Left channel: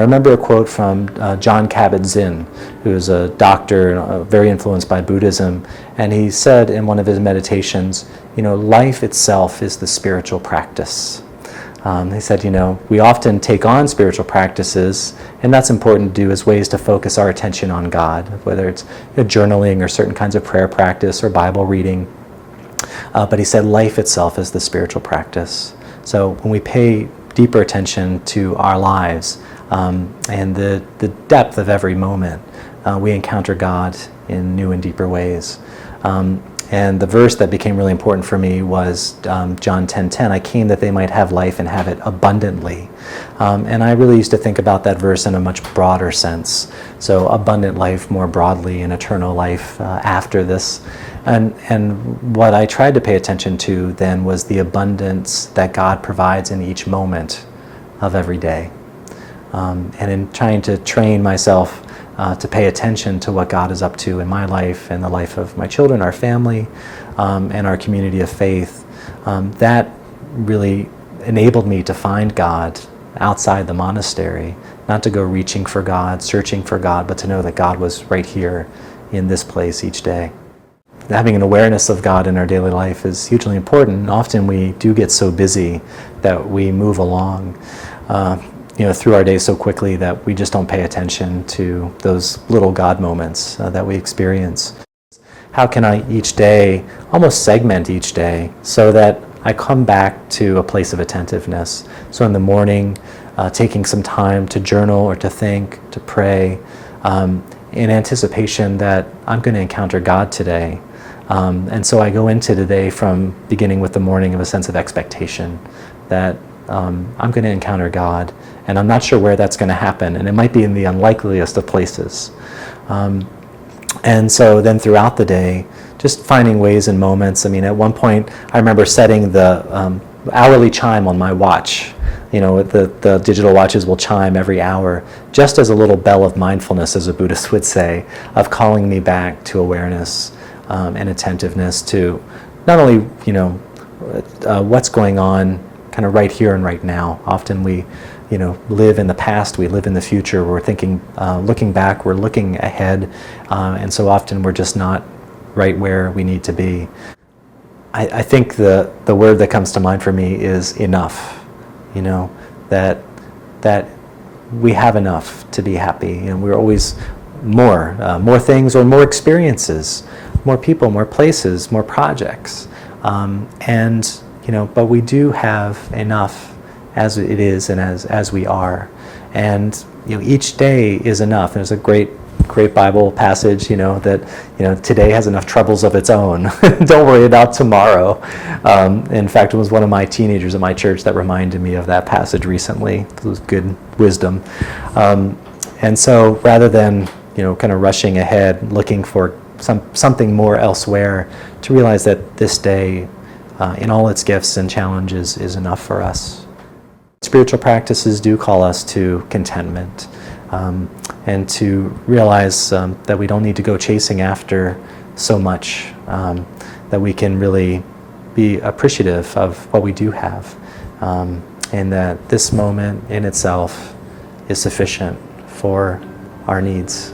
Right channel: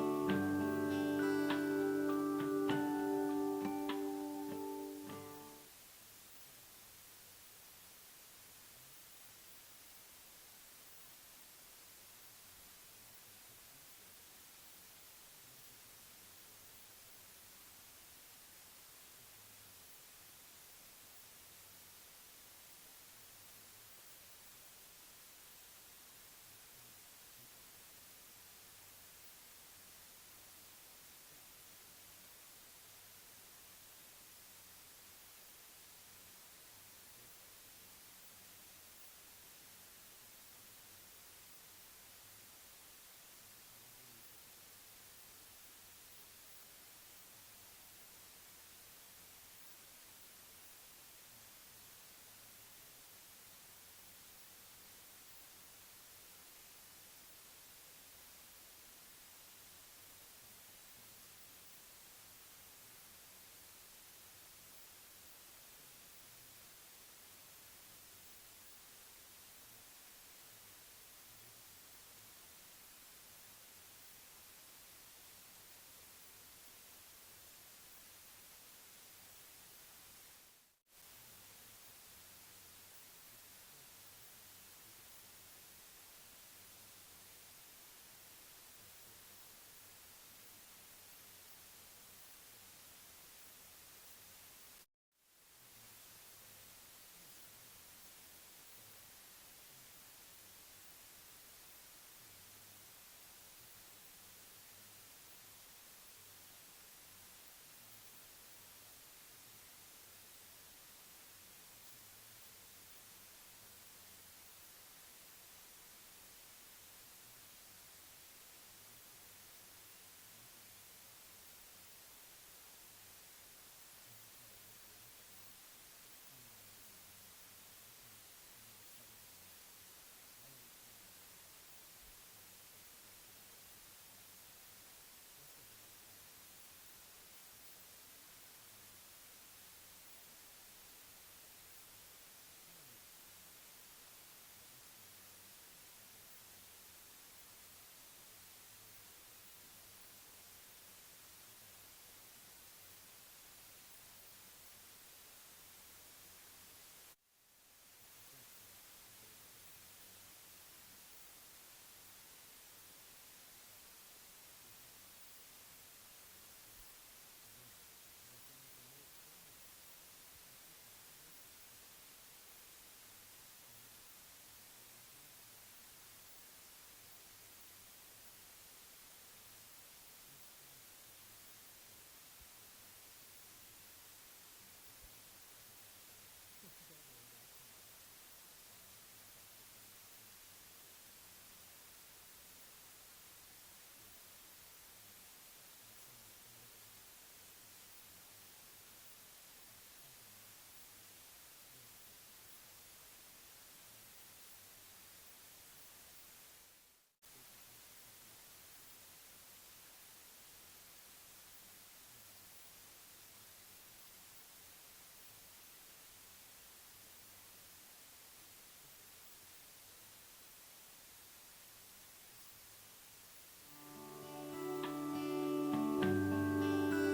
remember a quote from John Kabat-Zinn, who is a doctor very influenced by Buddhism, and he said in one of his meditations, life itself is the spiritual practice. He said, we often take on spiritual practices, and that's important to do as ways to focus our attention on God, whether it's journaling or certain kinds of prayer practice or Bible reading. But he said life itself is the spiritual practice. So when we pay deeper attention to our lives and the depth of every moment, we encounter God in new and deeper ways. And the verse that became really important for me was John 10:10. I came that they might have life and have it abundantly. And I really used to think about that verse in a much broader sense. So abundant life more broadly and eternal life after this. And what I tried to pay attention to then was the abundance that God provides in each moment of every day. And in trying to train myself to pay attention to what God is up to in my life and the life of my children, our family, and our community of faith, that really enabled me to find God outside the monastery, not to go reaching for God, searching for God, but to know that God was right here in this place each day. Having an awareness of God in our daily life is hugely important. Often we do get so busy that we move along through our days so quickly that we just don't pay attention to those little God moments that we experience. How can I each day, almost segment each day, so that I come back to a place of attentiveness? So in the morning, taking some time to journal or to think, to pray, in anticipation that I'm going to encounter God today. And so I go into today from beginning with the morning of a sense of expectation that I'm going to encounter God, and I'm not sure where that's going to happen, and it might be in the unlikeliest of places. And so then throughout the day, just finding ways and moments. At one point, I remember setting the hourly chime on my watch. The digital watches will chime every hour, just as a little bell of mindfulness, as a Buddhist would say, of calling me back to awareness and attentiveness to not only, what's going on kind of right here and right now. Often we, live in the past, we live in the future, we're thinking, looking back, we're looking ahead, and so often we're just not right where we need to be. I think the word that comes to mind for me is enough, that we have enough to be happy, and we're always more things or more experiences, more people, more places, more projects, but we do have enough as it is and as we are, and each day is enough. There's a great Bible passage, that today has enough troubles of its own. Don't worry about tomorrow. In fact, it was one of my teenagers at my church that reminded me of that passage recently. It was good wisdom, and so rather than kind of rushing ahead, looking for something more elsewhere, to realize that this day, in all its gifts and challenges, is enough for us. Spiritual practices do call us to contentment, and to realize that we don't need to go chasing after so much, that we can really be appreciative of what we do have, and that this moment in itself is sufficient for our needs.